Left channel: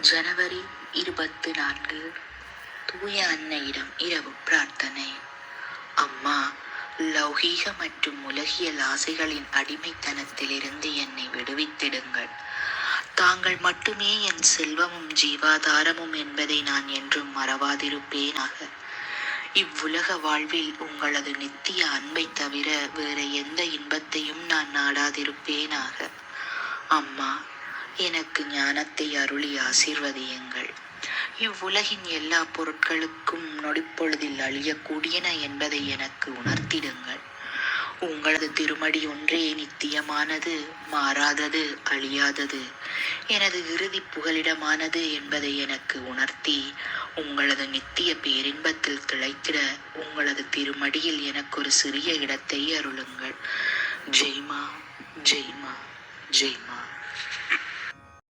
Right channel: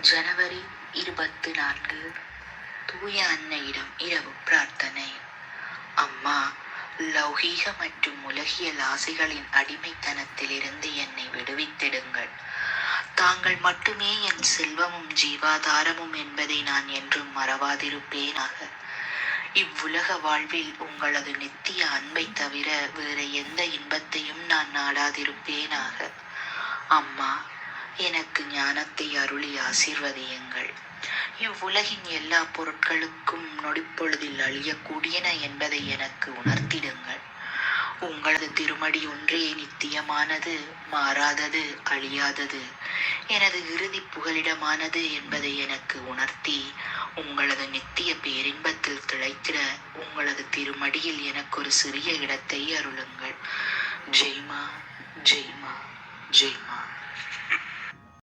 ஜனவரி இருபத்து நான்கு தூய அன்னையிடம் இரவு பிரார்த்தனை. அம்மா லௌகீக மற்றும் உலகியல் ஆசைகளின் அடிமைத்தனத்திலிருந்து என்னை விடுவித்திடுங்கள். தாங்கள் மட்டுமே என் செல்வமும் ஜீவாதாரமும் என்பதை நான் என்றும் மறவாதிருப்பேனாக. இவ்வுலக வாழ்வில் உங்களது நித்திய அன்பை தவிர வேறு எந்த இன்பத்தையும் நான் நாடாதிருப்பேனாக. அம்மா எனக்கு ஞானத்தை அருளி ஆசீர்வதியுங்கள். இவ்வுலகின் எல்லா பொருட்களுக்கும் நொடிப்பொழுதில் அழியக்கூடியன என்பதை எனக்கு உணர்த்திடுங்கள். உங்களது திருமடி ஒன்றே நித்தியமானது மாறாதது அழியாதது. எனது இறுதி புகலிடமானது என்பதை எனக்கு உணர்த்தி உங்களது நித்திய பேரின்பத்தில் திளைத்திட உங்களது திருமடியில் எனக்கு ஒரு சிறிய இடத்தை அருளுங்கள். ஜெய்மா ஜெய்மா ஜெய்மா.